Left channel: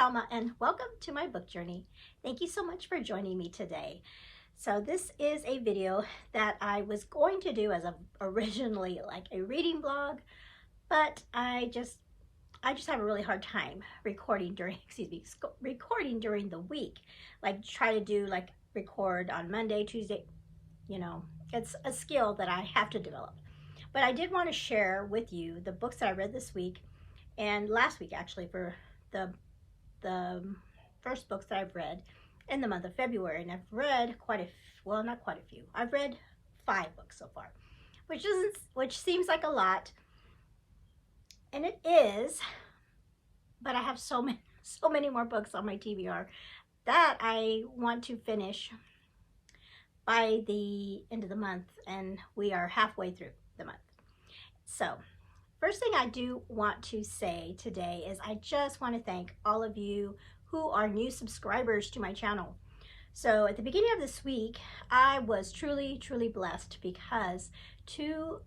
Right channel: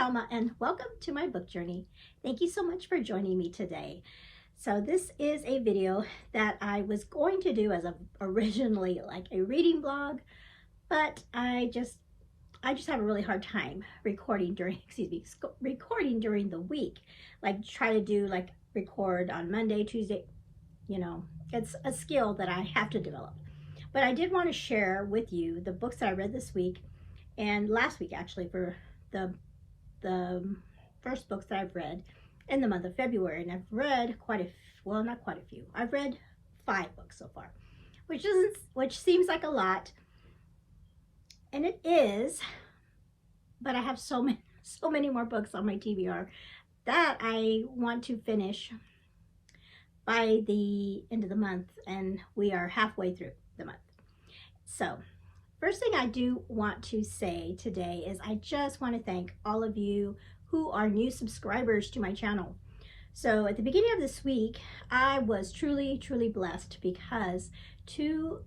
Alma, and welcome to my book journey. Thank you so much for joining me today. So this is a video that I was going to do as originally like a reading blog, but I just have a really hard time recording during the week. Like try to do like record on Monday, Tuesday, it's a skill that I have to develop. But I did want to share with you the books that I read this week and last week, actually, for the first books that I've read in the month of February. And I've read not quite a few. I've read 5 books so far, which seems like a lot, and it is, but I have so many more books on my TBR that I want to finish by the end of the month, and we are halfway through the month. So first thing I do want to say today is I just want to thank all of you who are new subscribers to my channel. So at the beginning of this week, I was truly blessed because 2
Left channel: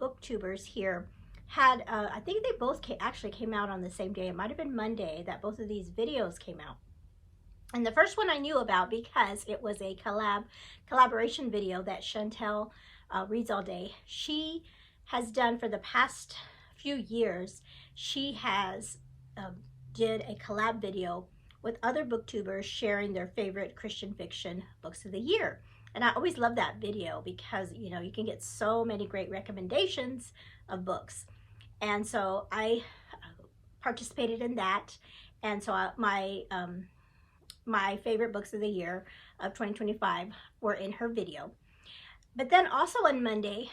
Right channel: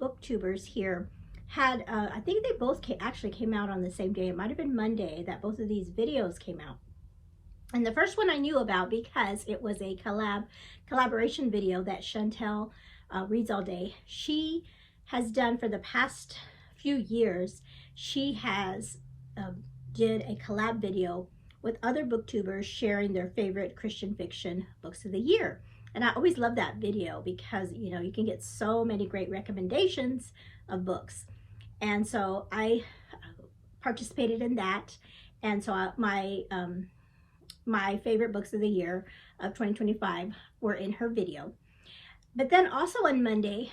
booktubers here had, I think they both actually came out on the same day. It might have been Monday that both of these videos came out. And the first one I knew about because it was a collaboration video that Chantel Reads All Day. She has done for the past few years. She has did a collab video with other booktubers sharing their favorite Christian fiction books of the year. And I always love that video because, you can get so many great recommendations of books. And so I participated in that. And so my favorite books of the year of 2025 were in her video. But then also on Monday,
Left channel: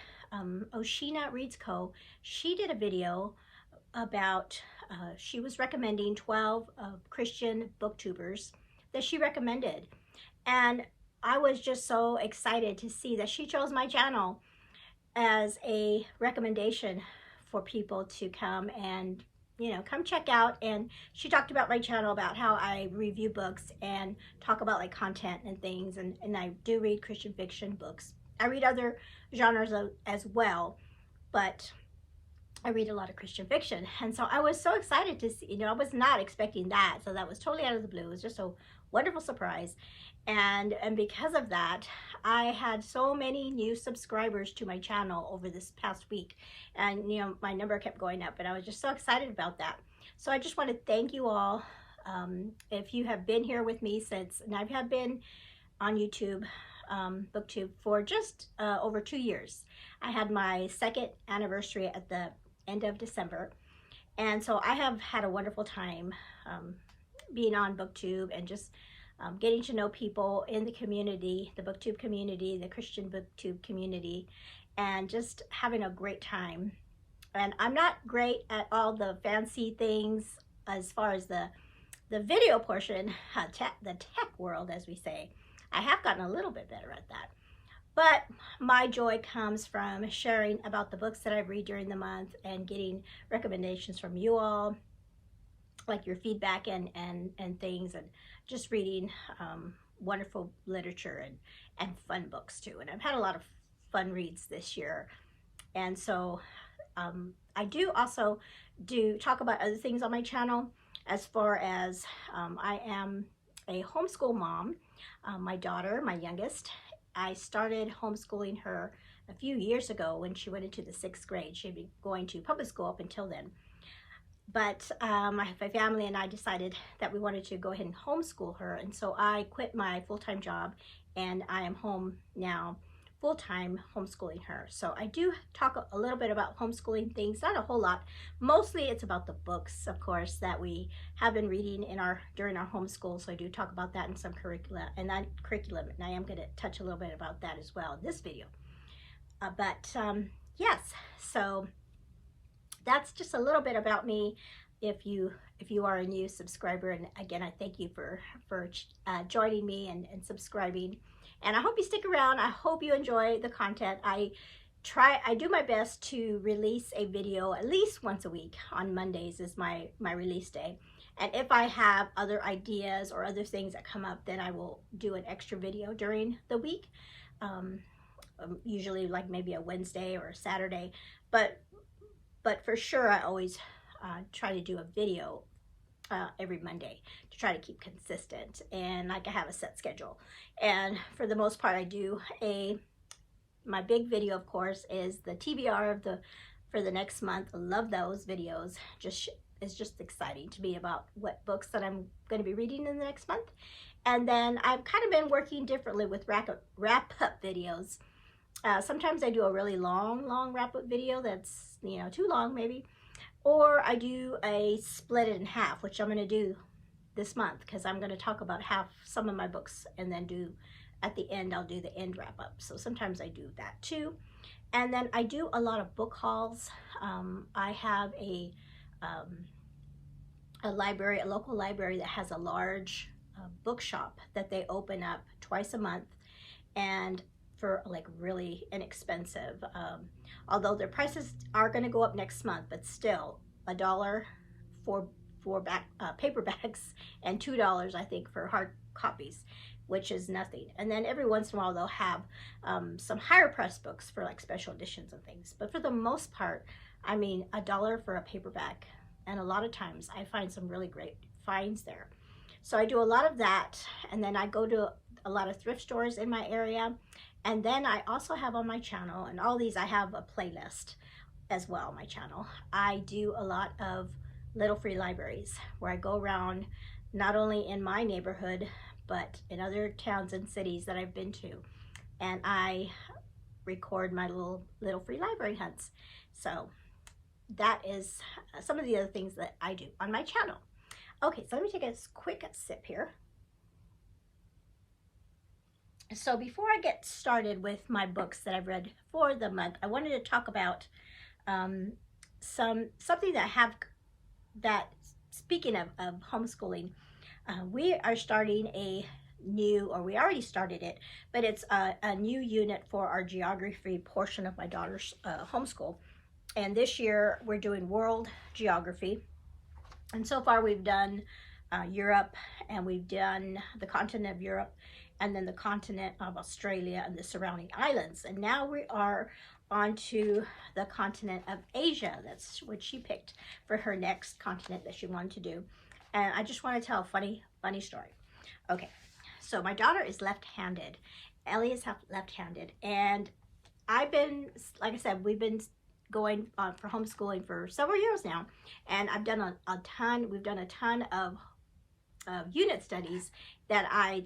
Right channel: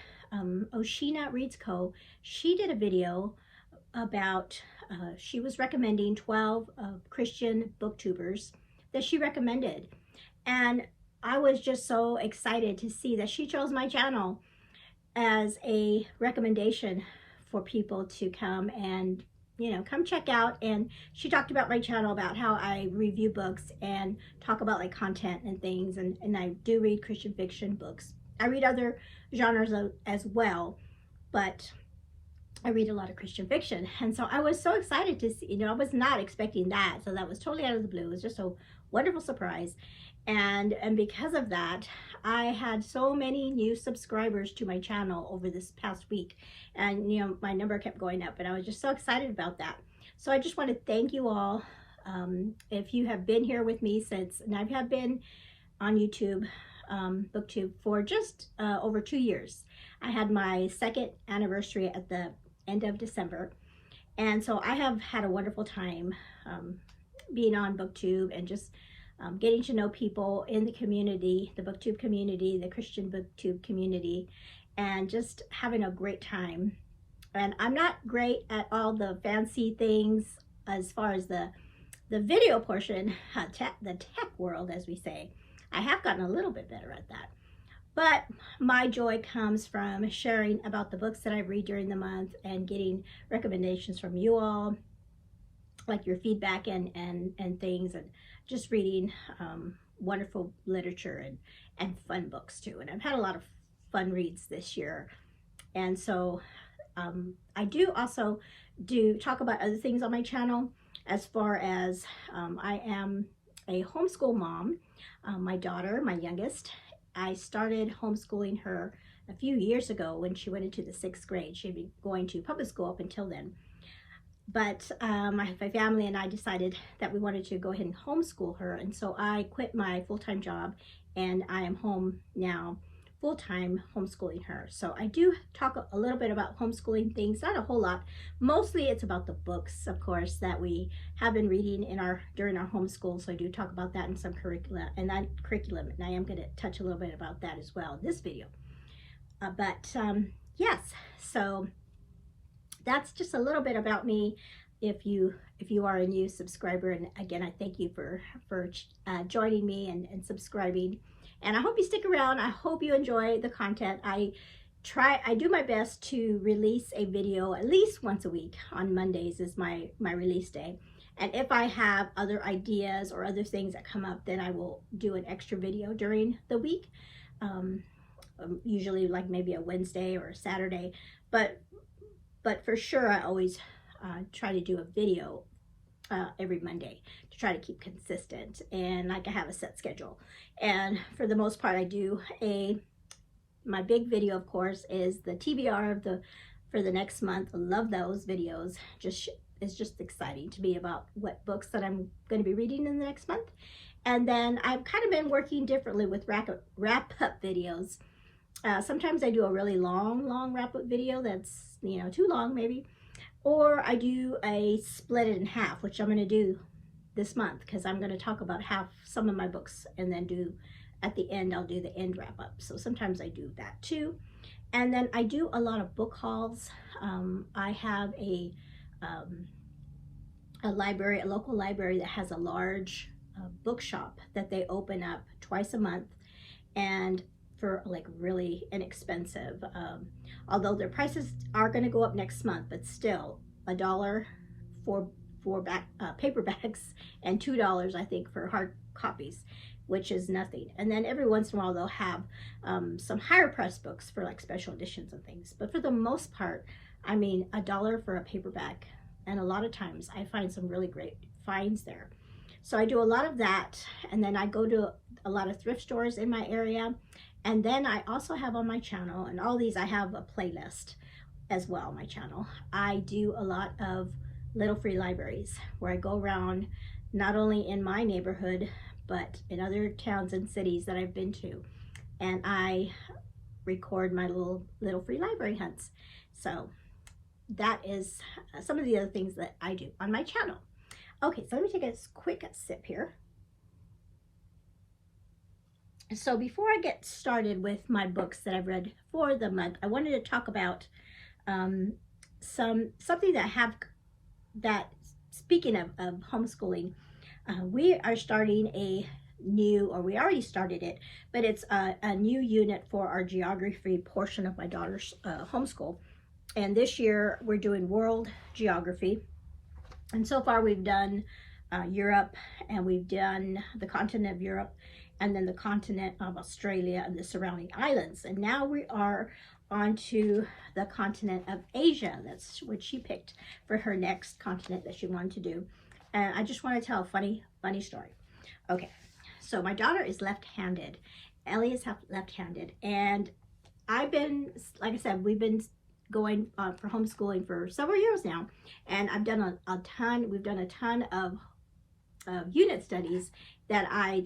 Oceana Reads Co., she did a video about, she was recommending 12 Christian booktubers that she recommended. And I was just so excited to see that she chose my channel as a recommendation for people to come and, come check out. And she talked about my channel, about how I review books and talk about like content and things. And I do read Christian fiction books. I read other genres as well, but I read a lot of Christian fiction. And so I was so excited to see, I was not expecting that. So that was totally out of the blue. It was just a wonderful surprise. And because of that, I had so many new subscribers to my channel over this past week. And, my number kept going up, and I was just so excited about that. So I just want to thank you all. If you have been here with me since, and I have been on YouTube, BookTube, for just over 2 years. I had my 2nd anniversary at the end of December. And so I have had a wonderful time being on BookTube and just getting to know people in the community, the BookTube community, the Christian BookTube community, and just having a great time. And I'm not great at all the fancy things as far as the video portion, the tech world, as we say. I have gotten a little bit better at that. But my joy comes from sharing about the books that I read during the month and getting recommendations from you all, like your feedback and things, and just reading wonderful literature and fun books too. And I've had a lot of fun reads this year. And so I do also talk about other things on my channel, as far as I am a homeschool mom. My daughter, my youngest, I started homeschooling her a few years ago when she went into the 6th grade. She'd been going to public school up until then. But my family and I decided that we wanted to go ahead and homeschool her. And so I quit my full-time job, and I am home now, full-time homeschooling her. So I do talk a little bit about homeschooling things, not a whole lot. Mostly it's about the books, of course, that we have been reading during our homeschool. So I do talk about that in some curriculum, and I am going to touch a little bit about that as well in this video. Yes, so that's just a little bit about me. If you are a new subscriber, and again, I thank you for joining me and subscribing. And I hope you stick around. I hope you enjoy the content. I do my best to release a video at least once a week. On Mondays is my release day. And if I have other ideas or other things that come up, then I will do an extra video during the week. Usually like maybe a Wednesday or a Saturday. But for sure, I always try to do a video every Monday try to keep consistent, and like I have a set schedule. And for the most part, I do my big video, of course, is the TBR for the next month. I love those videos. It's just exciting to me about what books that I'm going to be reading in the next month. And then I've kind of been working differently with wrap-up videos. Sometimes I do a really long wrap-up video that's, you know, too long maybe. Or I do a split it in half, which I'm going to do this month, because I'm going to talk about some of my books, and then at the end, I'll do the end wrap-up. So sometimes I do that too. And then I do a lot of book hauls. I have a local library that has a large bookshop that they open up twice a month, and for like really inexpensive, although their prices are going to go up next month, but still $1 for paperbacks and $2 I think for hard copies, which is nothing. And then every once in a while they'll have some higher price books for like special editions and things, but for the most part, I mean, $1 for a paperback. And a lot of times I find some really great finds there. So I do a lot of that, and then I go to a lot of thrift stores in my area. And then I also have on my channel, and all these I have a playlist as well on my channel. I do a lot of little free libraries where I go around, not only in my neighborhood, but in other towns and cities that I've been to. And I record my little free library hunts. So that is some of the other things that I do on my channel. Okay, so let me take a quick sip here. So before I get started with my books that I've read for the month, I wanted to talk about something that speaking of homeschooling, we are starting we already started it, but it's a new unit for our geography portion of my daughter's homeschool. And this year we're doing world geography. And so far we've done Europe, and we've done the continent of Europe, and then the continent of Australia and the surrounding islands. And now we are on to the continent of Asia. That's what she picked for her next continent that she wanted to do. And I just want to tell a funny story. Okay, so my daughter is left-handed. Ellie is left-handed. And I've been, like I said, we've been going for homeschooling for several years now. And I've done we've done a ton of unit studies that I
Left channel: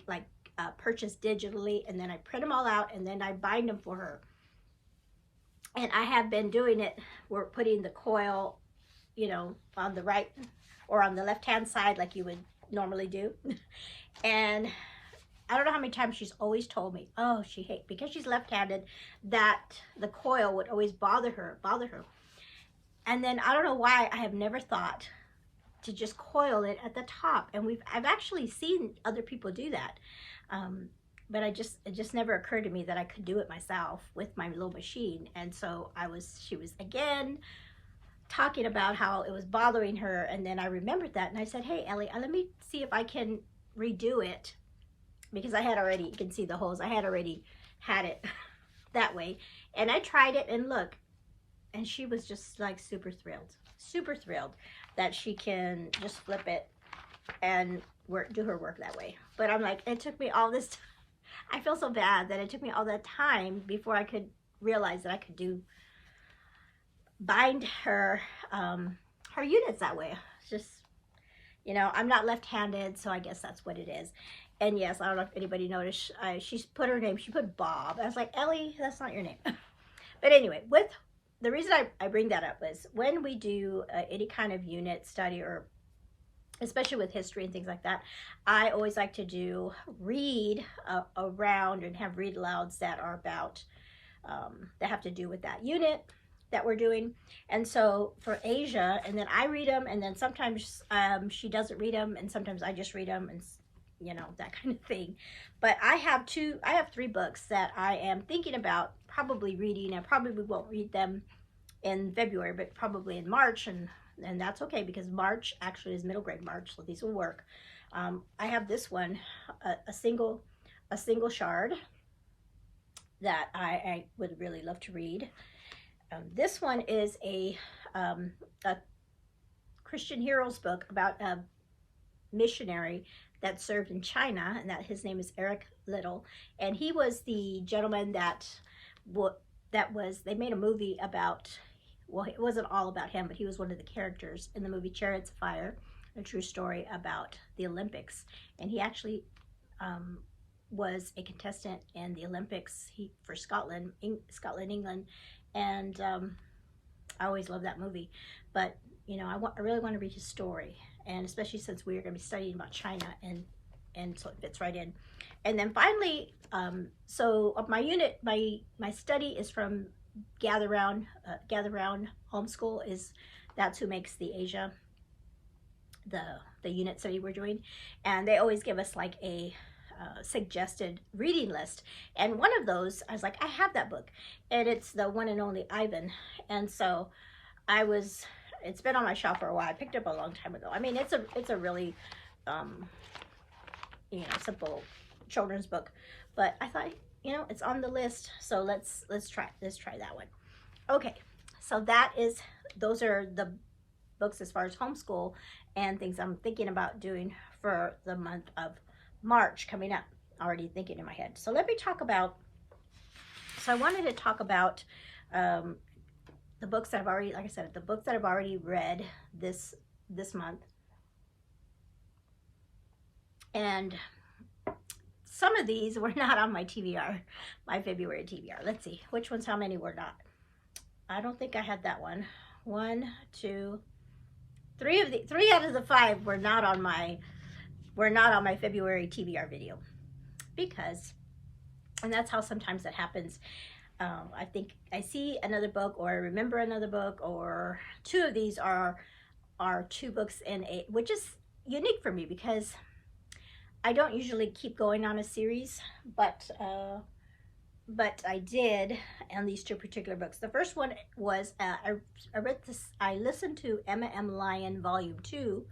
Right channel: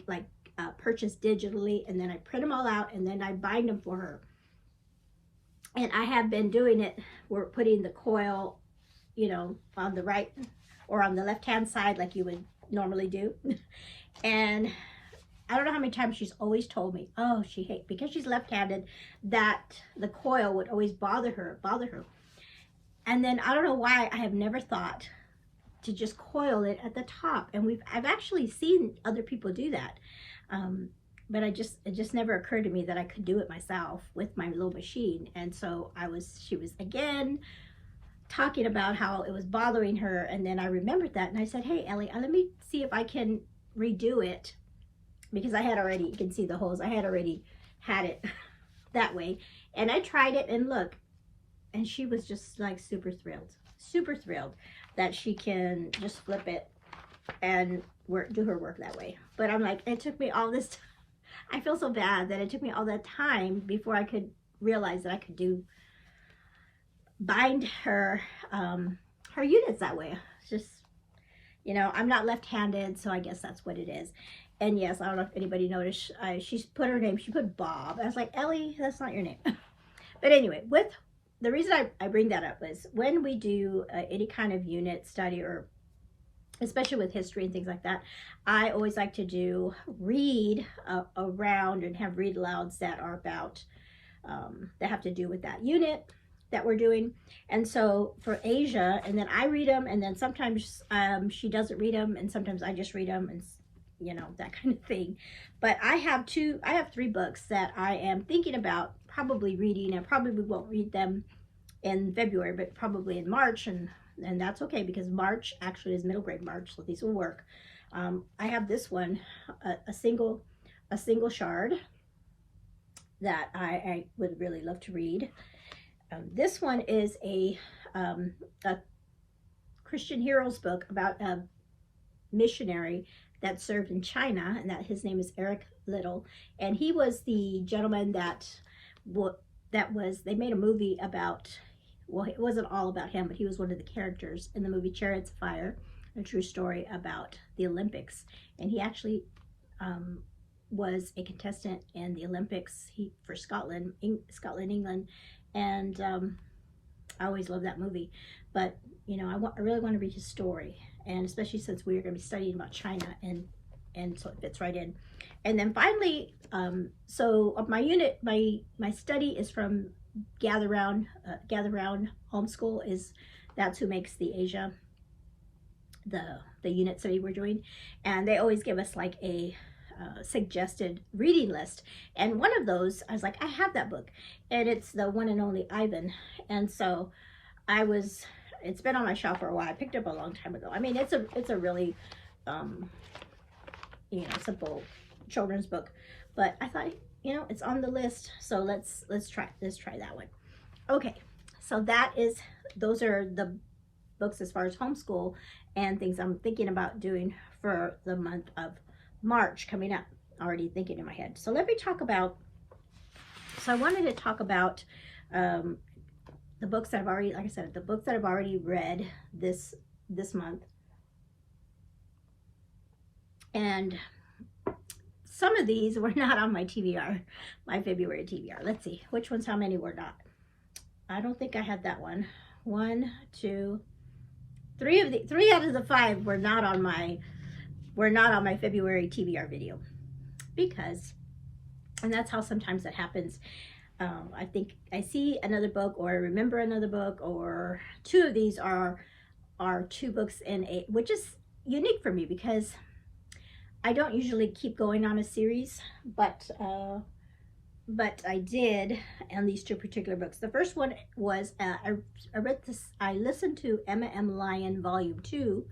purchase digitally, and then I print them all out, and then I bind them for her. And I have been doing it, we're putting the coil, you know, on the right or on the left hand side like you would normally do. And I don't know how many times she's always told me, oh, she hates, because she's left-handed, that the coil would always bother her. And then I don't know why I have never thought to just coil it at the top. And I've actually seen other people do that. But it just never occurred to me that I could do it myself with my little machine. And so she was again talking about how it was bothering her. And then I remembered that, and I said, hey, Ellie, let me see if I can redo it, because I had already, you can see the holes, I had already had it that way. And I tried it, and look, and she was just like super thrilled that she can just flip it and do her work that way. But I'm like, it took me all this time. I feel so bad that it took me all that time before I could realize that I could bind her units that way. It's just, you know, I'm not left-handed, so I guess that's what it is. And yes, I don't know if anybody noticed, she's put her name, she put Bob. I was like, Ellie, that's not your name. But anyway, the reason I bring that up is when we do any kind of unit study, or especially with history and things like that, I always like to read around and have read alouds that are about, that have to do with that unit that we're doing. And so for Asia, and then I read them, and then sometimes she doesn't read them, and sometimes I just read them, and you know, that kind of thing. But I have 3 books that I am thinking about probably reading. I probably won't read them in February, but probably in March, and that's okay, because March actually is middle grade March, so these will work. I have this one, a single shard that I would really love to read. This one is a Christian heroes book about missionary that served in China, and that his name is Eric Little, and he was the gentleman that they made a movie about. Well, it wasn't all about him, but he was one of the characters in the movie Chariots of Fire, a true story about the Olympics, and he actually was a contestant in the Olympics for Scotland, England, and I always loved that movie. But you know, I really want to read his story, and especially since we are going to be studying about China, and so it fits right in. And then finally, so my unit, my study is from Gather Round Homeschool. That's who makes the Asia, the unit study we're doing, and they always give us like a suggested reading list, and one of those I was like, I have that book, and it's the one and only Ivan, and so it's been on my shelf for a while. I picked it up a long time ago. I mean, it's a really you know, simple children's book, but I thought, you know, it's on the list, so let's try that one. Okay, so those are the books as far as homeschool and things I'm thinking about doing for the month of March coming up. Already thinking in my head. So let me talk about, so I wanted to talk about the books that I've already, like I said, the books that I've already read this month. And some of these were not on my TBR, my February TBR. Let's see, which ones, how many were not? I don't think I had that one. 1, 2, 3 out of the 5 were not on my February TBR video, because, and that's how sometimes that happens. I think I see another book, or I remember another book, or 2 of these are 2 books in a, which is unique for me because I don't usually keep going on a series, but I did on these 2 particular books. The first one was I read this. I listened to Emma M. Lyon Volume 2,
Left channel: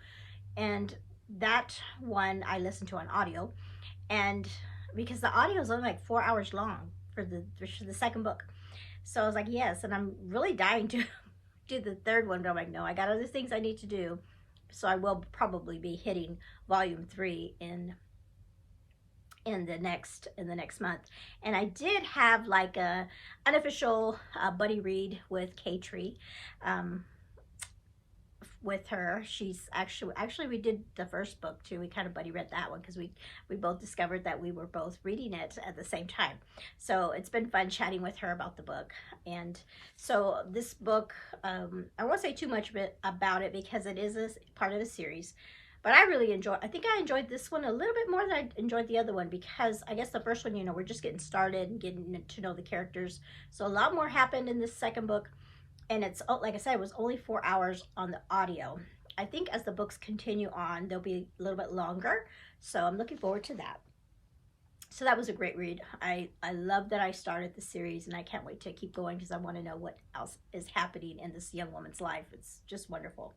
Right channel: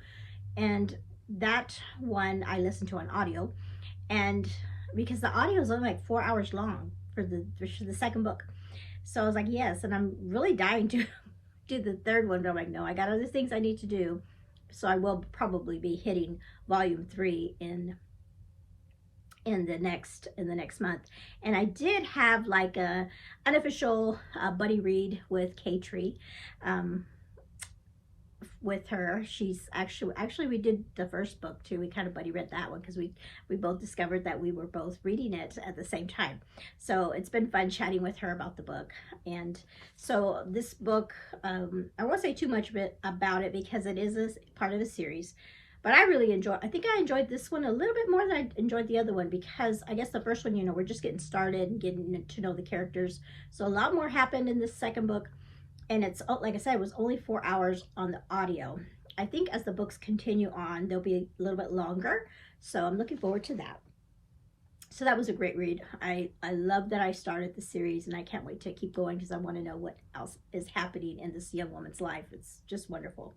and that one I listened to on audio, and because the audio is only like 4 hours long for the second book, so I was like, yes, and I'm really dying to do the third one, but I'm like, no, I got other things I need to do, so I will probably be hitting Volume 3 in the next month. And I did have like a unofficial buddy read with K-Tree, with her. She's actually we did the first book too. We kind of buddy read that one because we both discovered that we were both reading it at the same time. So it's been fun chatting with her about the book. And so this book, I won't say too much about it because it is a part of the series. But I think I enjoyed this one a little bit more than I enjoyed the other one, because I guess the first one, you know, we're just getting started and getting to know the characters. So a lot more happened in this second book. And it's, like I said, it was only 4 hours on the audio. I think as the books continue on, they'll be a little bit longer. So I'm looking forward to that. So that was a great read. I love that I started the series, and I can't wait to keep going because I want to know what else is happening in this young woman's life. It's just wonderful.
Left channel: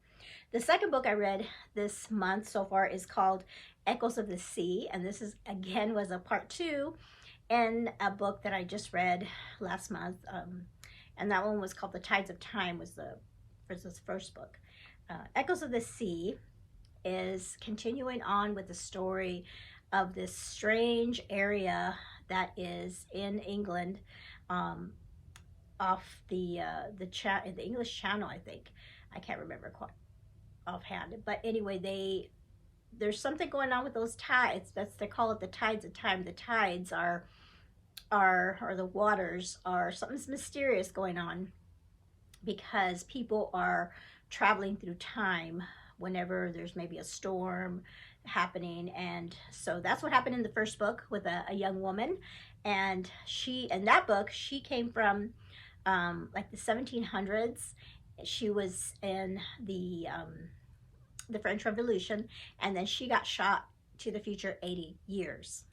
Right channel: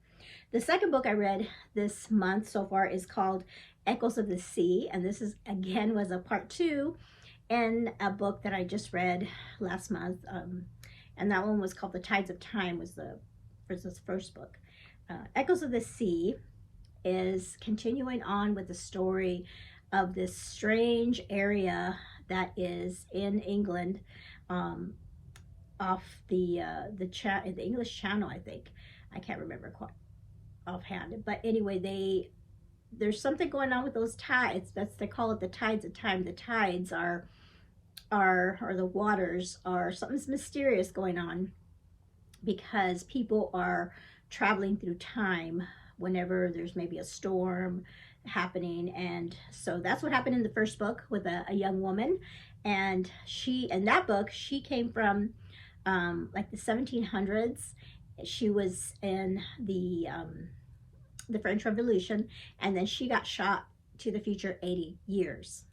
The second book I read this month so far is called Echoes of the Sea, and this is, again, was a part 2 in a book that I just read last month, and that one was called The Tides of Time, was this first book. Echoes of the Sea is continuing on with the story of this strange area that is in England, off the English Channel, I think. I can't remember quite offhand, but anyway, there's something going on with those tides. They call it the tides of time. The tides or the waters are, something's mysterious going on, because people are traveling through time whenever there's maybe a storm happening. And so that's what happened in the first book with a young woman, and in that book she came from like the 1700s. She was in the French Revolution, and then she got shot to the future 80 years,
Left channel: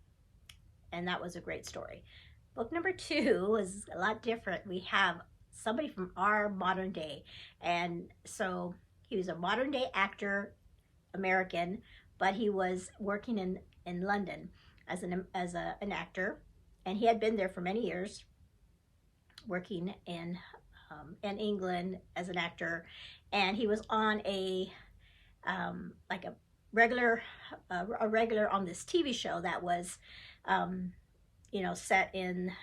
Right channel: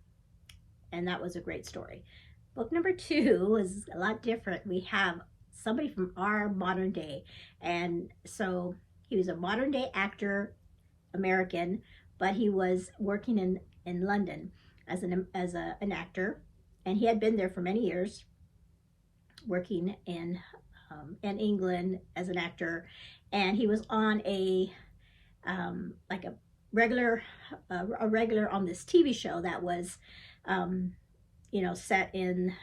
and that was a great story. Book number 2 was a lot different. We have somebody from our modern day, and so he was a modern day actor, American, but he was working in London as an actor, and he had been there for many years, working in England as an actor, and he was on a like a regular, a regular on this TV show that was, you know, set in,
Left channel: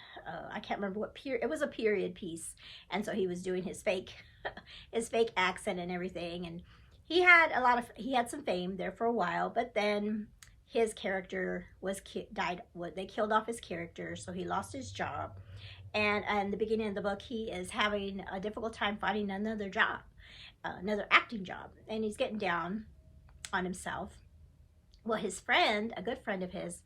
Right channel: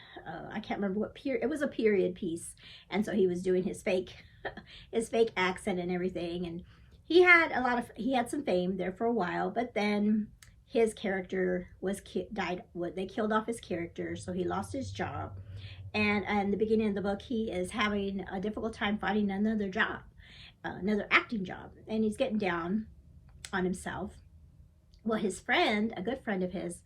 I can't remember what period, it was a period piece. And so he was doing his fake, his fake accent and everything. And he had he had some fame there for a while, but then his character died. They killed off his character, so he lost his job. And in the beginning of the book, he is having a difficult time finding another job, another acting job. And he's getting down on himself. Well, his friend, a good friend of his,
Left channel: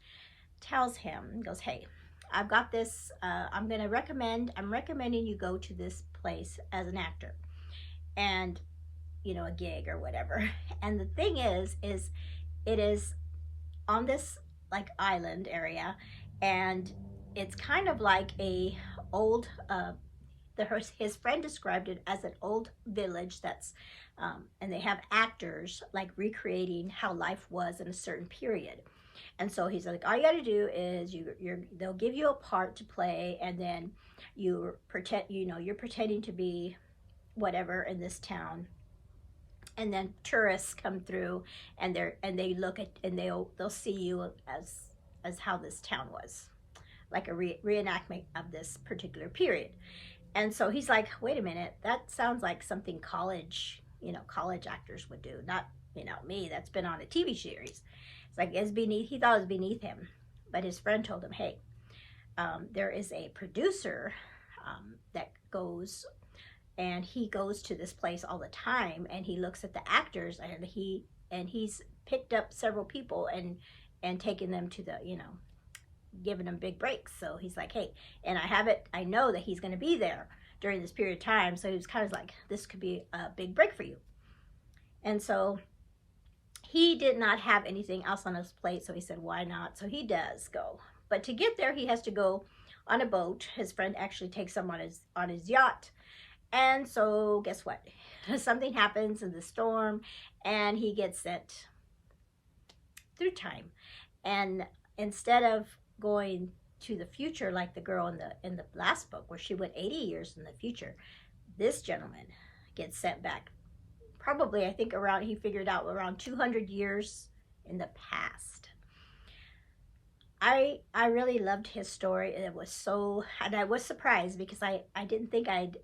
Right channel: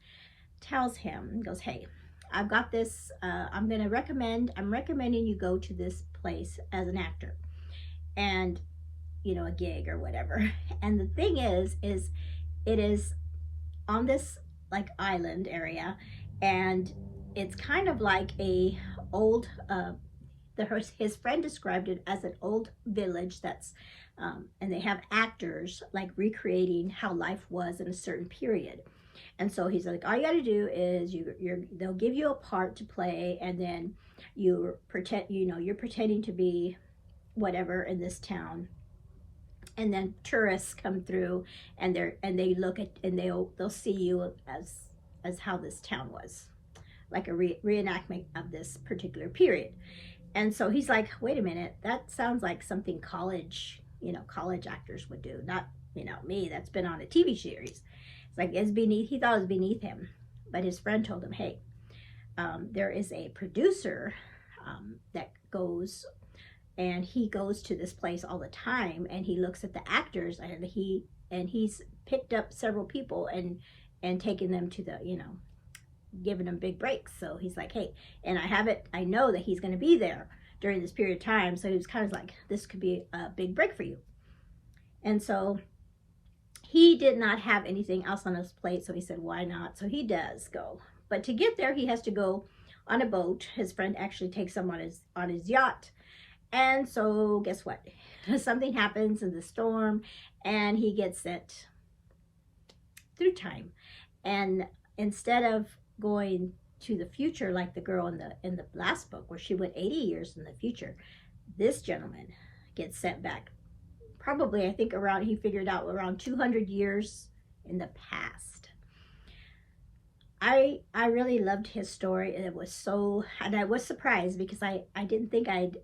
tells him, goes, hey, I've got this, I'm recommending you go to this place as an actor. And, you know, a gig or whatever. And the thing is it is on this like island area, and it's kind of like a old, his friend described it as an old village that's, and they have actors like recreating how life was in a certain period. And so he's like, all you got to do is they'll give you a part to play, and then you're pretending to be whatever in this town, and then tourists come through, and they look at, and they'll see you as how this town was, like a reenactment of this particular period. And so he's like, wait a minute, that sounds like something college actors would do, not, you know, me that's been on a TV series. It's like, he thought it was beneath him. But his friend told him, hey, there is a producer that goes, and he goes to this place all the time, and he looks at the actors, and he's picked up several people and taken them to the, you know, giving them big breaks. So he's like, hey, and I know that he's going to be there during this period of time. So he was kind of like, this could be a big break for you. And so he did not have anything else on his plate. So he said, why not? So he does go. But to get there, he has to go on a boat. His friend actually takes him on his yacht. And so guess what? Something happens in the storm, and he gets sent through time. And instead of going to the future like the girl in the last book, where she went 80 years in the future, this gentleman gets sent back, probably, I think he figured out around 200 years in the past. I really loved his story, and I was surprised because I didn't think I'd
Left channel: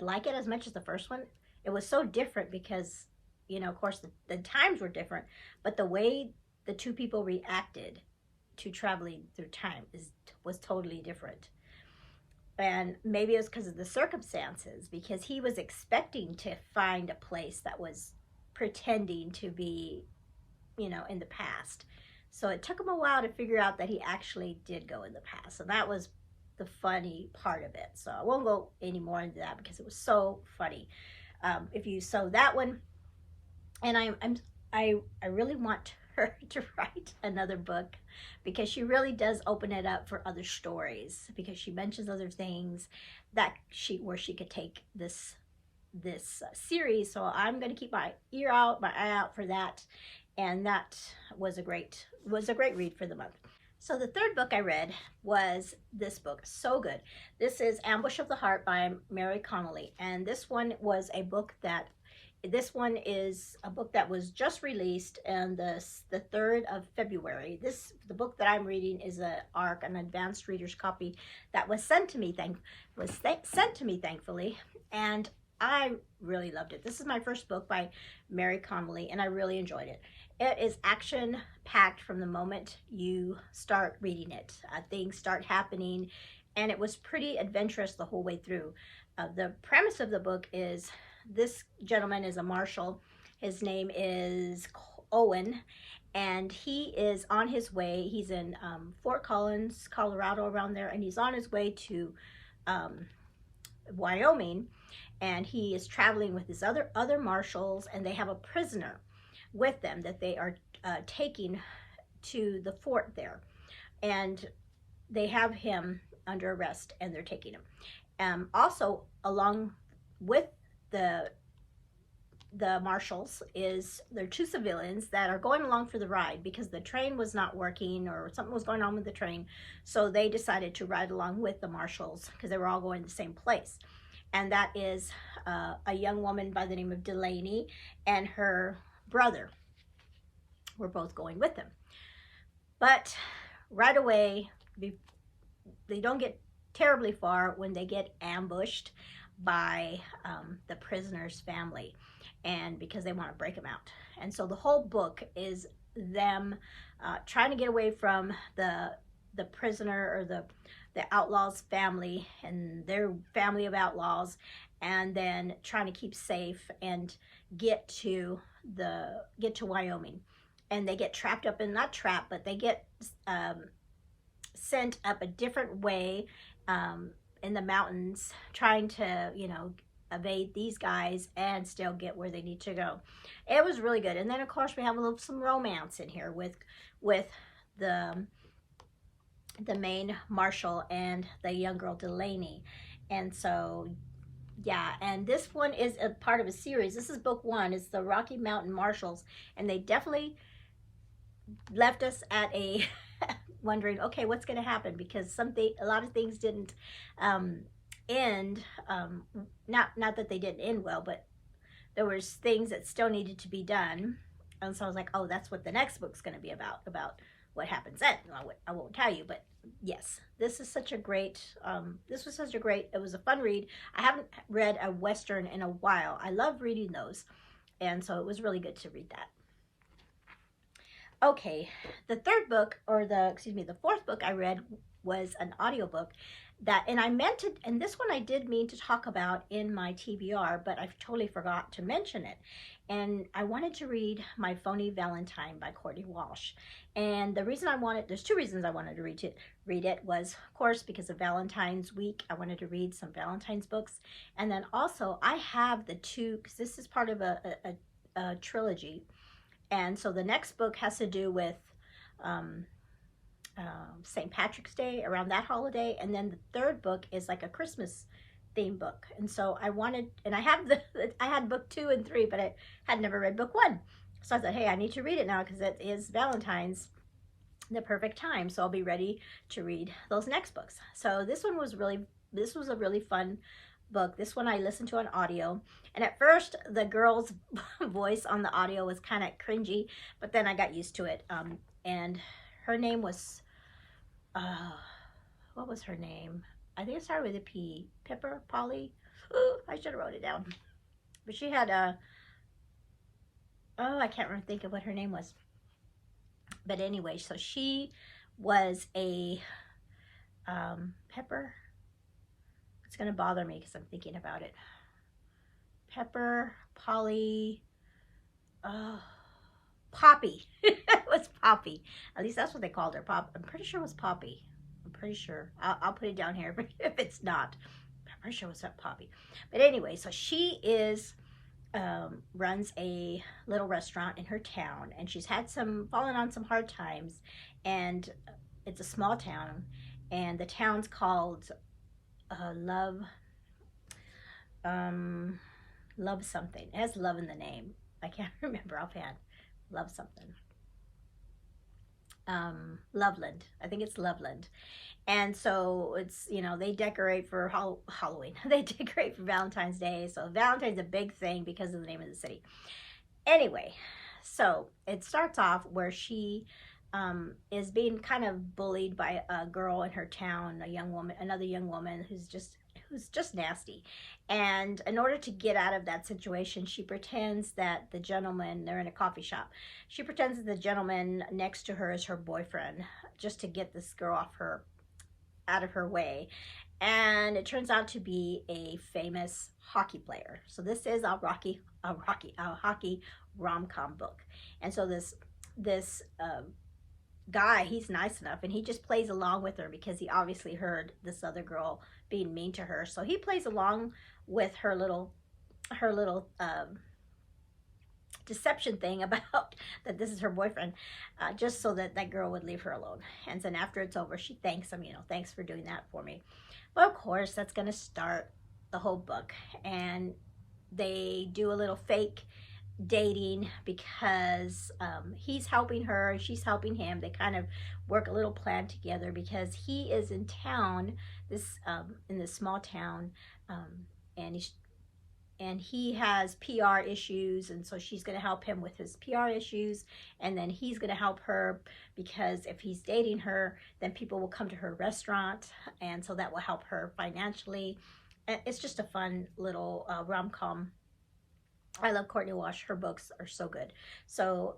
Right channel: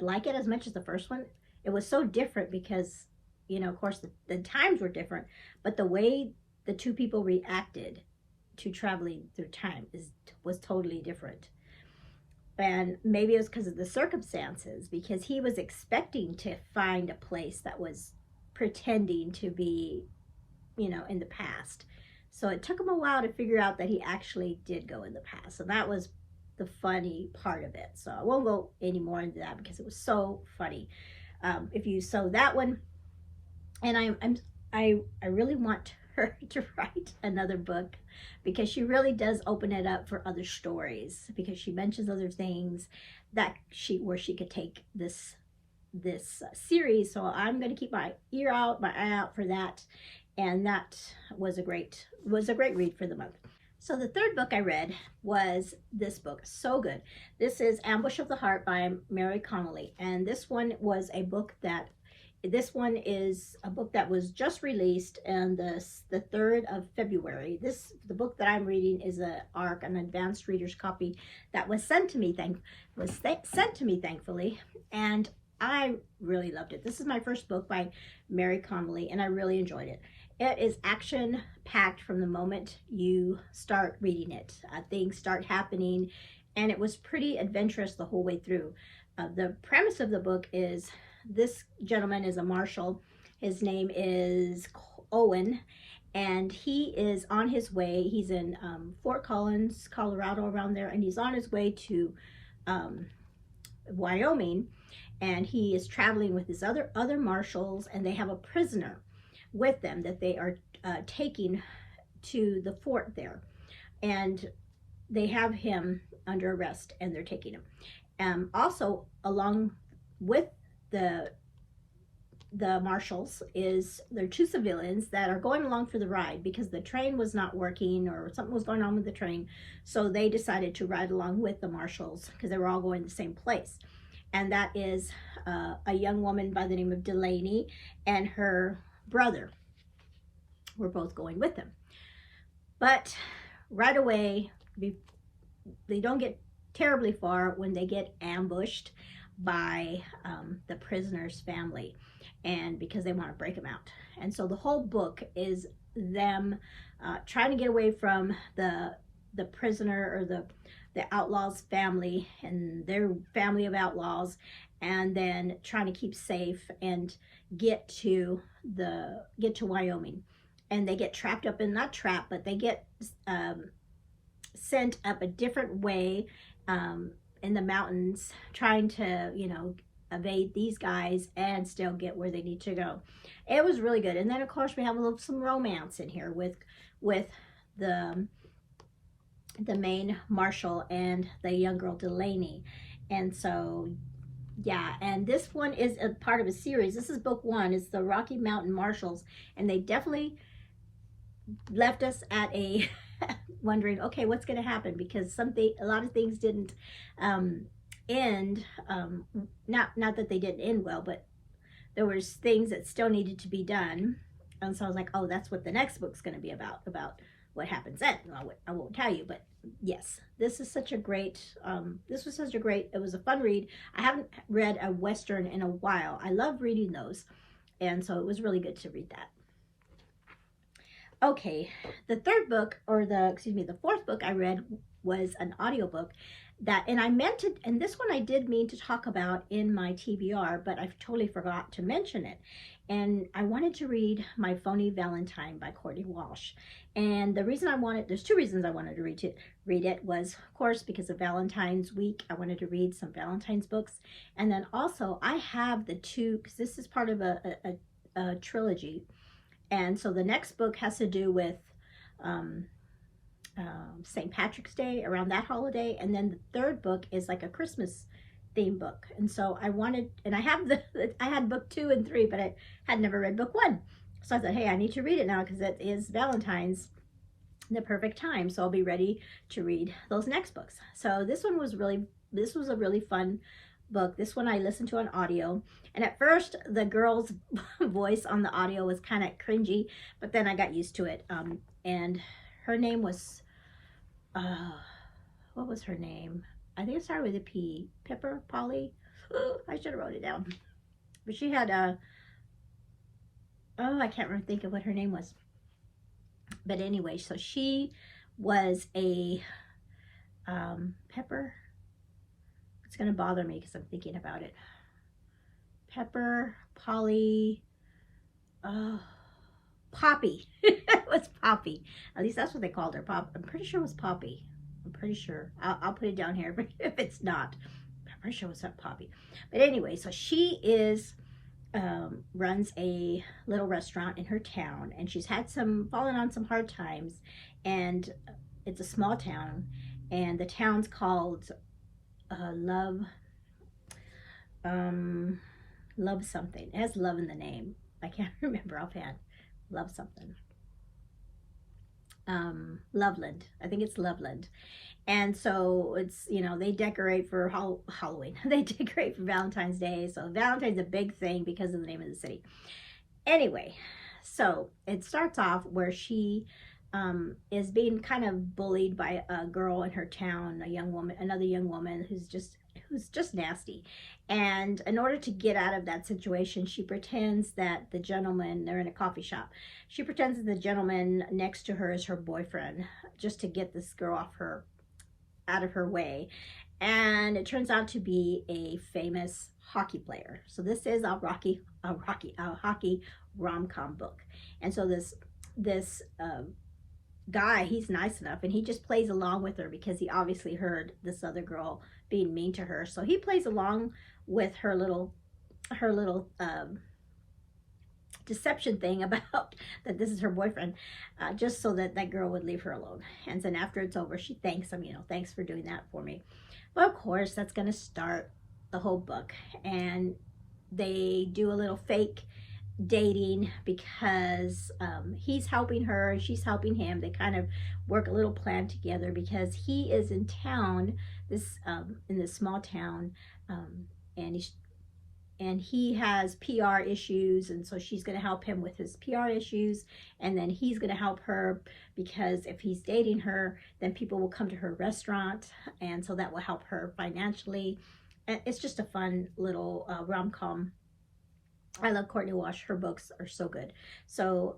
like it as much as the first one. It was so different because, you know, of course the times were different, but the way the two people reacted to traveling through time was totally different. And maybe it was because of the circumstances, because he was expecting to find a place that was pretending to be, you know, in the past. So it took him a while to figure out that he actually did go in the past. So that was the funny part of it. So I won't go any more into that because it was so funny. So that one, and I really want her to write another book, because she really does open it up for other stories, because she mentions other things where she could take this series. So I'm going to keep my eye out for that. And that was a great read for the month. So the third book I read was this book. So good. This is Ambush of the Heart by Mary Connolly. And this one is a book that was just released on the 3rd of February. The book that I'm reading is an advanced reader's copy that was sent to me thankfully, and I really loved it. This is my first book by Mary Connolly, and I really enjoyed it. It is action-packed from the moment you start reading it. Things start happening, and it was pretty adventurous the whole way through. The premise of the book is this gentleman is a marshal. His name is Owen, and he is on his way. He's in Fort Collins, Colorado, around there, and he's on his way to Wyoming, and he is traveling with his other marshals, and they have a prisoner with them that they are taking to the fort there, and they have him under arrest, and they're taking him. Also, along with the marshals there are 2 civilians that are going along for the ride because the train was not working or something was going on with the train. So they decided to ride along with the marshals because they were all going to the same place. And that is a young woman by the name of Delaney and her brother. were both going with them. But right away, they don't get terribly far when they get ambushed by the prisoner's family, and because they want to break them out. And so the whole book is them trying to get away from the prisoner, or the outlaw's family and their family of outlaws, and then trying to keep safe and get to Wyoming. And they get trapped up in, not trapped, but they get sent up a different way in the mountains, trying to, you know, evade these guys and still get where they need to go. It was really good. And then of course we have some romance in here with the main Marshall and the young girl Delaney. And so yeah, and this one is a part of a series. This is book 1. It's the Rocky Mountain Marshals, and they definitely left us at a wondering, okay, what's going to happen, because a lot of things didn't end, not that they didn't end well, but there was things that still needed to be done. And so I was like, oh, that's what the next book's going to be about what happens then. I won't tell you, but yes, this is such a great, it was a fun read. I haven't read a Western in a while. I love reading those, and so it was really good to read that. Okay, the fourth book I read was an audiobook and this one I did mean to talk about in my TBR, but I totally forgot to mention it. And I wanted to read My Phony Valentine by Courtney Walsh. And there's two reasons I wanted to read it was, of course, because of Valentine's week. I wanted to read some Valentine's books. And then also I have the two, because this is part of a trilogy. And so the next book has to do with St. Patrick's Day, around that holiday. And then the third book is like a Christmas theme book. And so I had book 2 and 3, but I had never read book 1. So I thought, hey, I need to read it now because it is Valentine's, the perfect time. So I'll be ready to read those next books. So this was a really fun book. This one I listened to on audio. And at first, the girl's voice on the audio was kind of cringy, but then I got used to it. And her name was, what was her name? I think it started with a P. Pepper, Polly. Ooh, I should have wrote it down. But she had I can't remember, think of what her name was. But anyway, so she was a Pepper. It's going to bother me because I'm thinking about it. Pepper, Polly, Poppy. It was Poppy. At least that's what they called her. I'm pretty sure it was Poppy. I'm pretty sure. I'll put it down here, but if it's not, I'm pretty sure it was not Poppy. But anyway, so she runs a little restaurant in her town, and she's had fallen on some hard times, and it's a small town, and the town's called Love something. It has love in the name. I can't remember offhand. Love something. Loveland. I think it's Loveland. And so it's, you know, they decorate for Halloween. They decorate for Valentine's Day. So Valentine's a big thing because of the name of the city. Anyway, so it starts off where she is being kind of bullied by a girl in her town, another young woman who's just nasty. And in order to get out of that situation, she pretends that they're in a coffee shop. She pretends that the gentleman next to her is her boyfriend, just to get this girl out of her way. And it turns out to be a famous hockey player. So this is a hockey rom-com book. And so this guy, he's nice enough, and he just plays along with her because he obviously heard this other girl being mean to her. So he plays along with her little deception thing about that this is her boyfriend, just so that girl would leave her alone. And then after it's over, she thanks him, thanks for doing that for me. But of course, that's going to start the whole book. And they do a little fake dating because he's helping her and she's helping him. They kind of work a little plan together because he is in town, in this small town, and and he has PR issues, and so she's going to help him with his PR issues, and then he's going to help her because if he's dating her, then people will come to her restaurant, and so that will help her financially. And it's just a fun little rom-com. I love Courtney Walsh. Her books are so good. So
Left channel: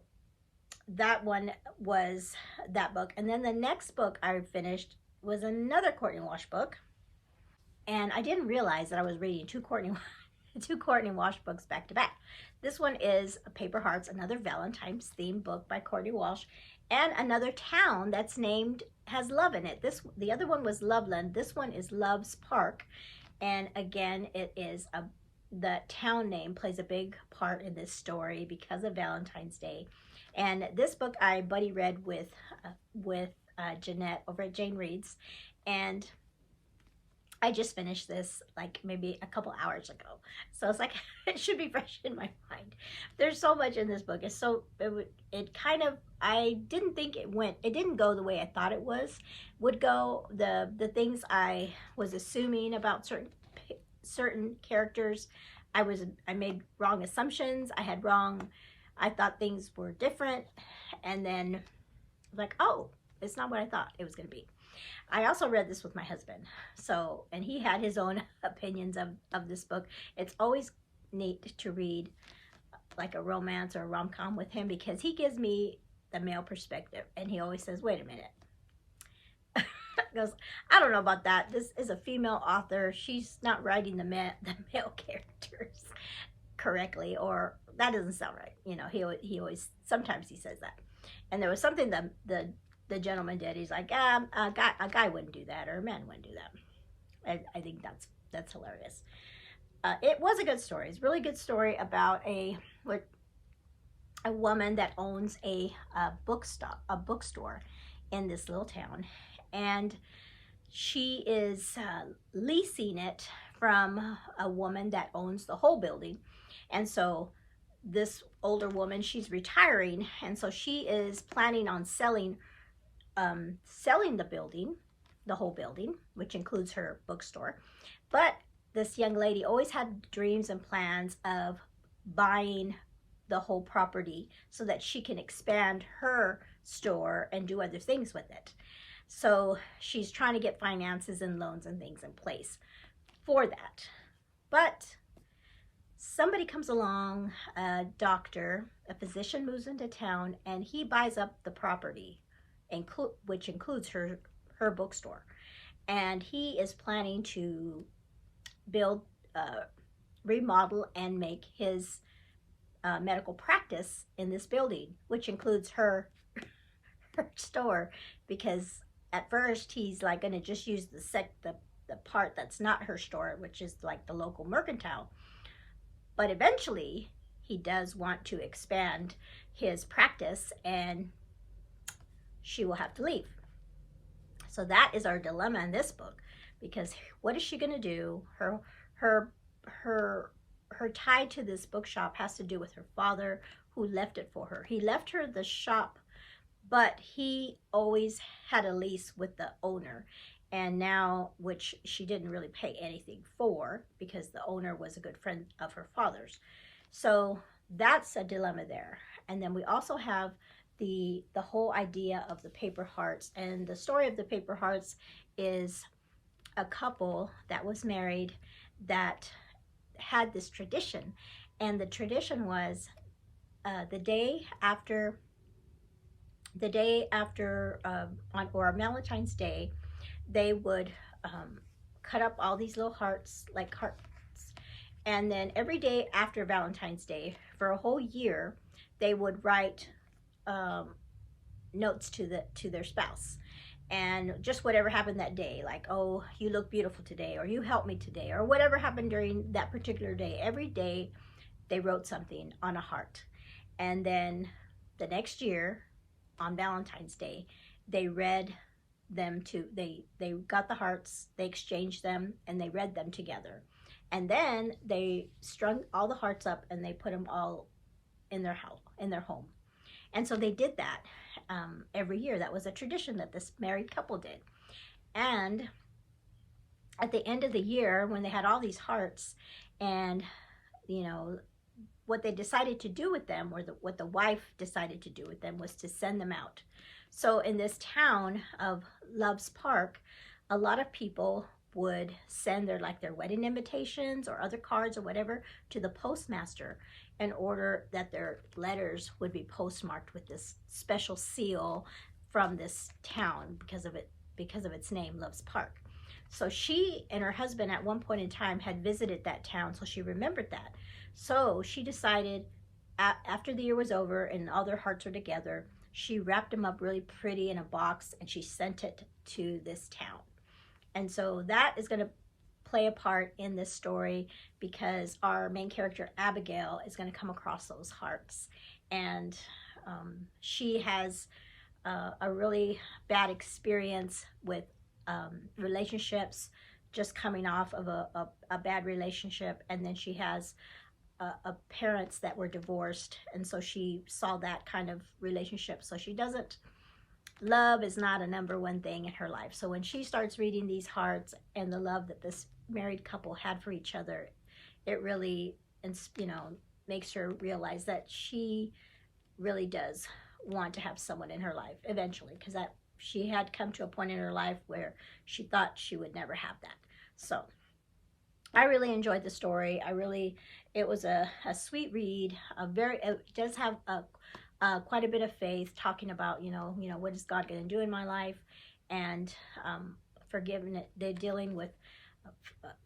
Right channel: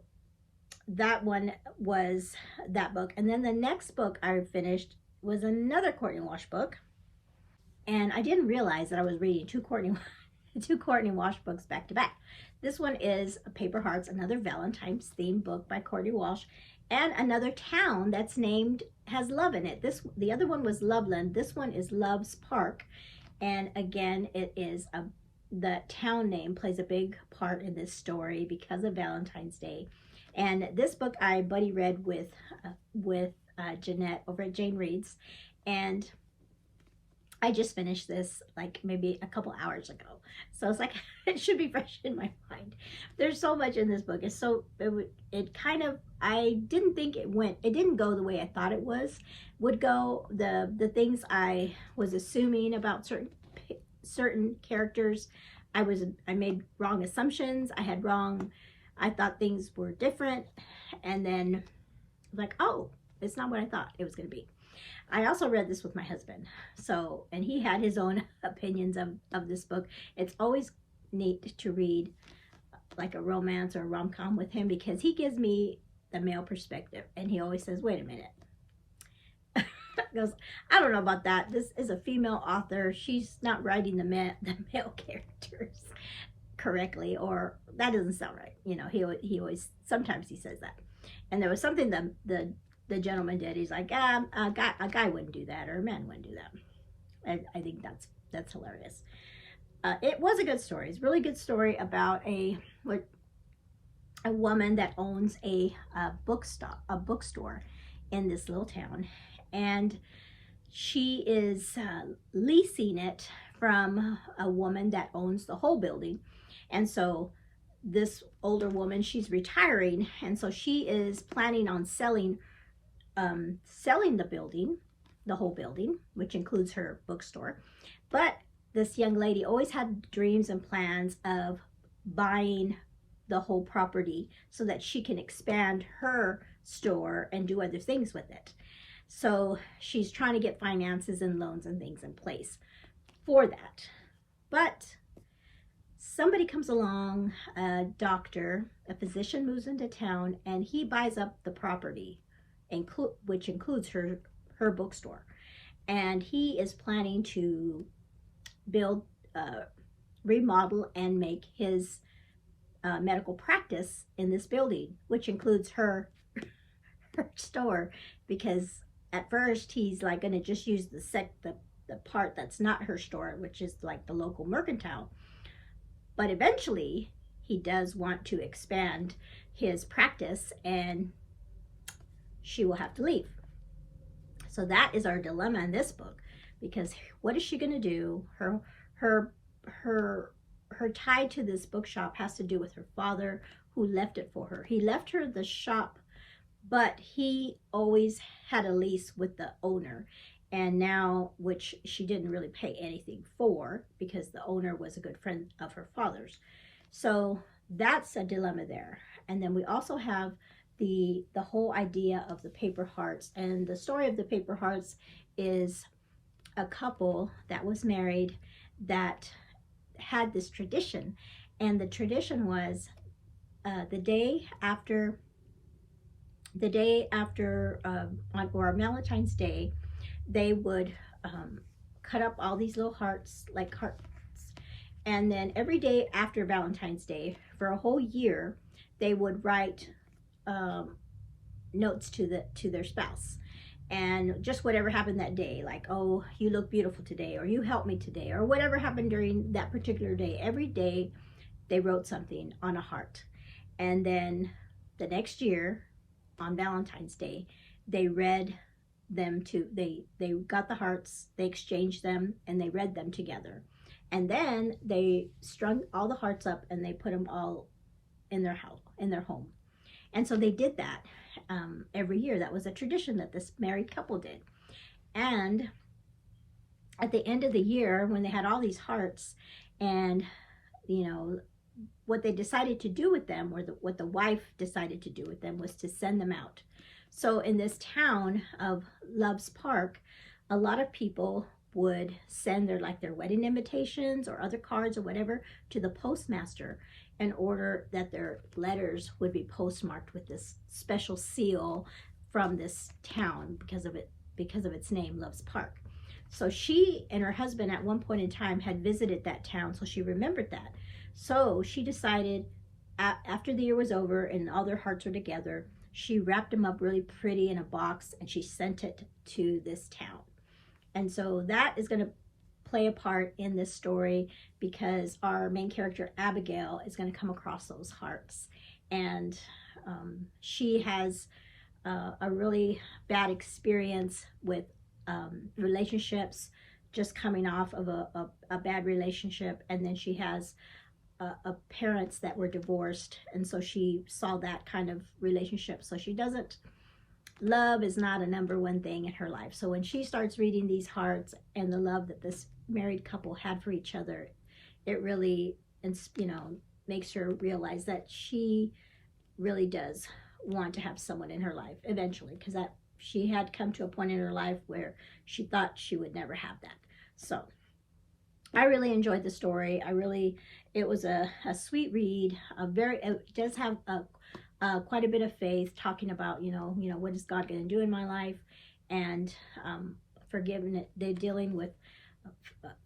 that one was that book. And then the next book I finished was another Courtney Walsh book. And I didn't realize that I was reading two Courtney Walsh books back to back. This one is Paper Hearts, another Valentine's themed book by Courtney Walsh, and another town that's named, has love in it. The other one was Loveland. This one is Love's Park. And again, it is the town name plays a big part in this story because of Valentine's Day. And this book I buddy read with Jeanette over at Jane Reads, and I just finished this like maybe a couple hours ago. So it's like, it should be fresh in my mind. There's so much in this book. It's so, it kind of, I didn't think it didn't go the way I thought it would go. The things I was assuming about certain characters, I made wrong assumptions. I thought things were different. And then like, oh, it's not what I thought it was going to be. I also read this with my husband, so, and he had his own opinions of this book. It's always neat to read like a romance or a rom-com with him because he gives me the male perspective, and he always says, wait a minute. He goes, I don't know about that. This is a female author. She's not writing the male characters correctly, or that doesn't sound right. You know, he always, sometimes he says that. And there was something that the gentleman did. He's like, a guy wouldn't do that, or a man wouldn't do that. I think that's hilarious. It was a good story. It's a really good story about a woman that owns a bookstore in this little town, and she is leasing it from a woman that owns the whole building. And so this older woman, she's retiring, and so she is planning on selling the building, the whole building, which includes her bookstore. But this young lady always had dreams and plans of buying the whole property so that she can expand her store and do other things with it. So she's trying to get finances and loans and things in place for that. But somebody comes along, a doctor, a physician moves into town, and he buys up the property, which includes her bookstore. And he is planning to build, remodel, and make his medical practice in this building, which includes her store, because at first he's like going to just use the part that's not her store, which is like the local mercantile. But eventually he does want to expand his practice, and she will have to leave. So that is our dilemma in this book, because what is she going to do? Her tie to this bookshop has to do with her father, who left it for her. He left her the shop, but he always had a lease with the owner, and now, which she didn't really pay anything for, because the owner was a good friend of her father's. So that's a dilemma there. And then we also have the whole idea of the Paper Hearts. And the story of the Paper Hearts is a couple that was married that had this tradition. And the tradition was the day after or Valentine's Day, they would cut up all these little hearts, like hearts, and then every day after Valentine's Day for a whole year, they would write notes to their spouse, and just whatever happened that day, like, oh, you look beautiful today, or you helped me today, or whatever happened during that particular day. Every day they wrote something on a heart, and then the next year on Valentine's Day, they read them they got the hearts, they exchanged them, and they read them together. And then they strung all the hearts up, and they put them all in their home. And so they did that every year. That was a tradition that this married couple did. And at the end of the year, when they had all these hearts, and you know, what they decided to do with them, or what the wife decided to do with them, was to send them out. So in this town of Loves Park, a lot of people would send their wedding invitations or other cards or whatever to the postmaster, in order that their letters would be postmarked with this special seal from this town because of its name, Loves Park. So she and her husband at one point in time had visited that town, so she remembered that. So she decided, after the year was over and all their hearts were together, she wrapped them up really pretty in a box and she sent it to this town. And so that is going to play a part in this story, because our main character Abigail is going to come across those hearts, and she has a really bad experience with relationships, just coming off of a bad relationship, and then she has parents that were divorced, and so she saw that kind of relationship. So she doesn't, love is not a number one thing in her life. So when she starts reading these hearts and the love that this married couple had for each other, it really, you know, makes her realize that she really does want to have someone in her life eventually, because that she had come to a point in her life where she thought she would never have that. So I really enjoyed the story. It was a sweet read. It does have quite a bit of faith, talking about, you know, what is God going to do in my life, and they're dealing with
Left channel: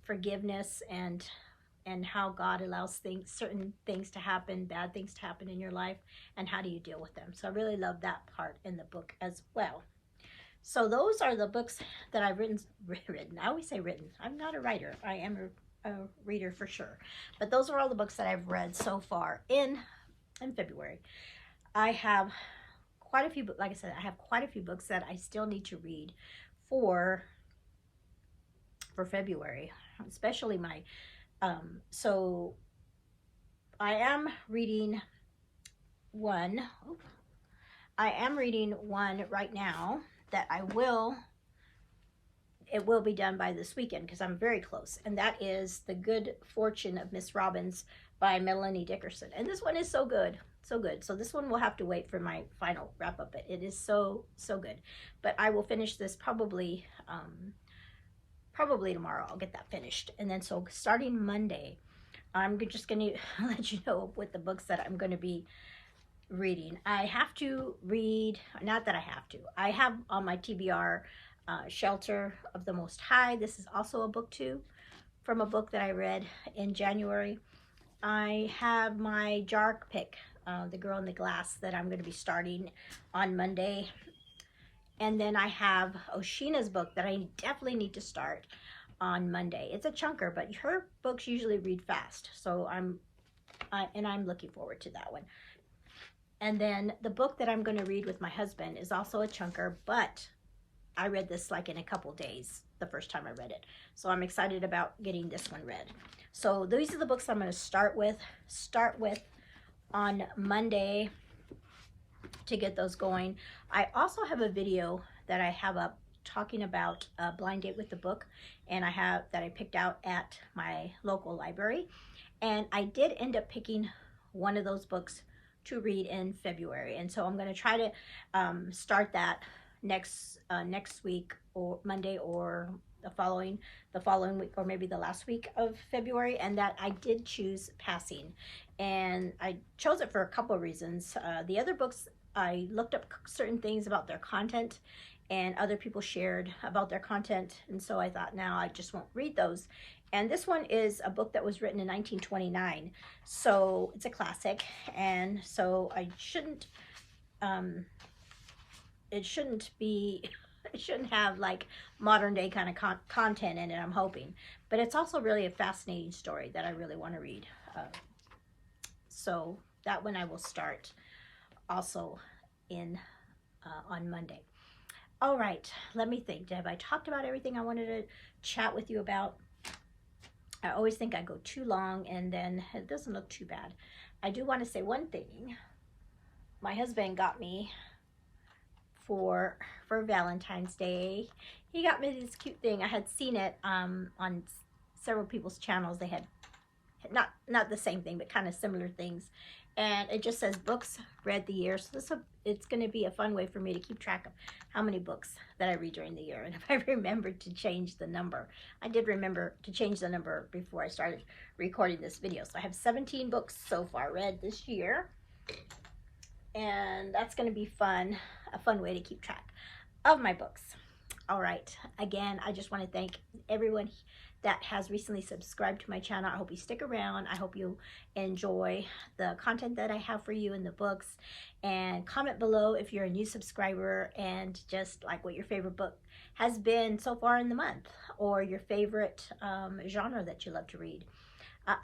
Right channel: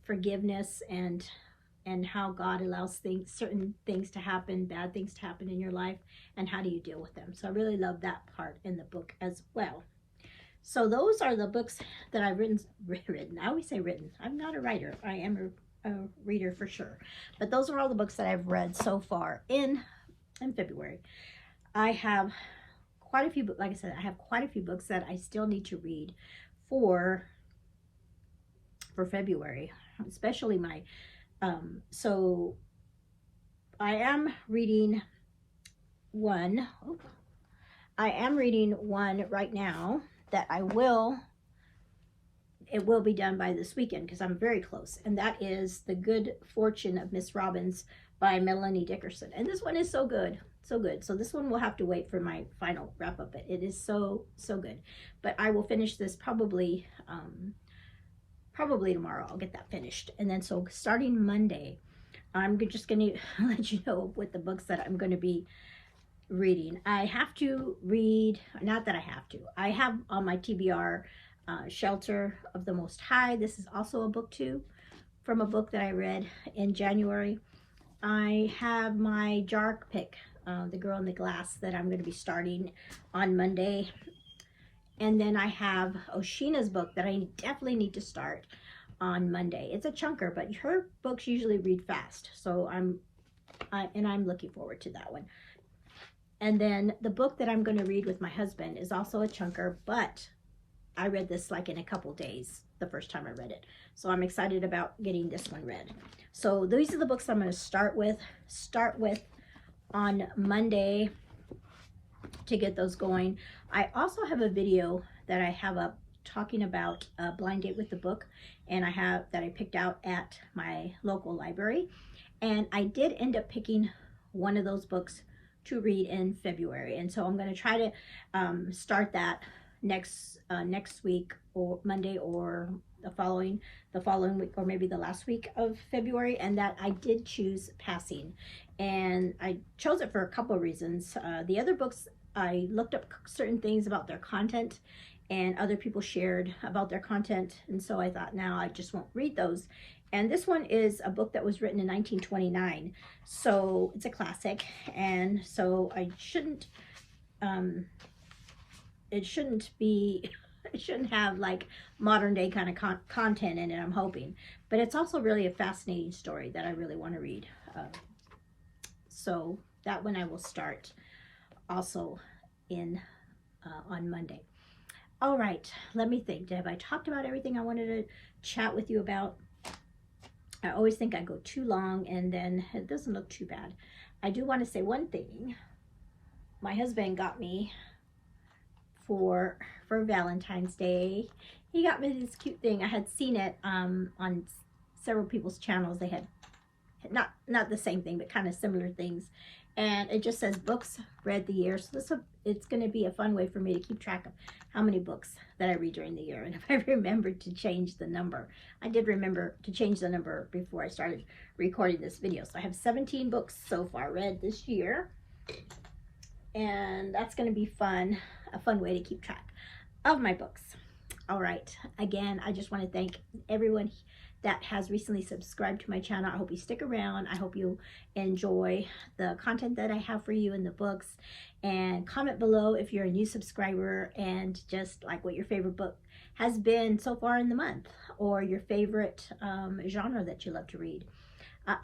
forgiveness, and how God allows certain things to happen, bad things to happen in your life, and how do you deal with them. So I really love that part in the book as well. So those are the books that I've written. I always say written. I'm not a writer. I am a reader for sure. But those are all the books that I've read so far in February. I have quite a few, like I said, I have quite a few books that I still need to read for February, especially my, so I am reading one right now that it will be done by this weekend, because I'm very close, and that is The Good Fortune of Miss Robbins by Melanie Dickerson. And this one is so good, so good. So this one will have to wait for my final wrap up. It is so good. But I will finish this probably tomorrow. I'll get that finished. And then so starting Monday, I'm just going to let you know what the books that I'm going to be reading. I have to read, not that I have to, I have on my TBR Shelter of the Most High. This is also a book too, from a book that I read in January. I have my JARC pick, The Girl in the Glass, that I'm going to be starting on Monday. And then I have Oceana's book that I definitely need to start on Monday. It's a chunker, but her books usually read fast. So I'm looking forward to that one. And then the book that I'm going to read with my husband is also a chunker, but I read this like in a couple days the first time I read it. So I'm excited about getting this one read. So these are the books I'm going to start with on Monday to get those going. I also have a video that I have up talking about Blind Date with the Book, and that I picked out at my local library. And I did end up picking one of those books to read in February, and so I'm going to try to start that next week, or Monday, or the following week, or maybe the last week of February. And that I did choose Passing, and I chose it for a couple of reasons. The other books, I looked up certain things about their content, and other people shared about their content, and so I thought, now I just won't read those. And this one is a book that was written in 1929, so it's a classic, and so it shouldn't have like modern day kind of content in it, I'm hoping. But it's also really a fascinating story that I really want to read. So that one I will start also on Monday. All right, let me think. Have I talked about everything I wanted to chat with you about? I always think I go too long, and then it doesn't look too bad. I do want to say one thing. My husband got me for Valentine's Day. He got me this cute thing. I had seen it on several people's channels. They had not the same thing, but kind of similar things. And it just says books read the year. So it's going to be a fun way for me to keep track of how many books that I read during the year. And if I remembered to change the number, I did remember to change the number before I started recording this video. So I have 17 books so far read this year. And that's going to be fun, a fun way to keep track of my books. All right. Again, I just want to thank everyone that has recently subscribed to my channel. I hope you stick around. I hope you enjoy the content that I have for you in the books. And comment below if you're a new subscriber and just like what your favorite book has been so far in the month, or your favorite genre that you love to read.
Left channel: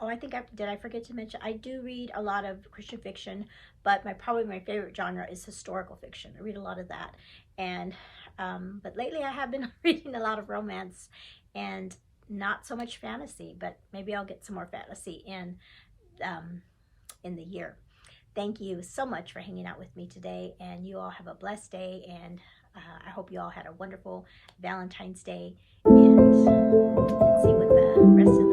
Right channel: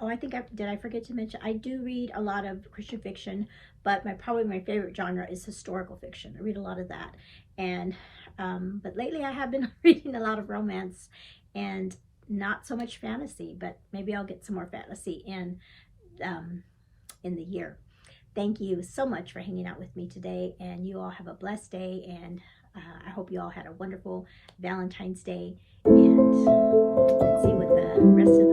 Oh, I think did I forget to mention, I do read a lot of Christian fiction, but probably my favorite genre is historical fiction. I read a lot of that. And but lately I have been reading a lot of romance and not so much fantasy, but maybe I'll get some more fantasy in the year. Thank you so much for hanging out with me today, and you all have a blessed day, and I hope you all had a wonderful Valentine's Day, and let's see what the rest of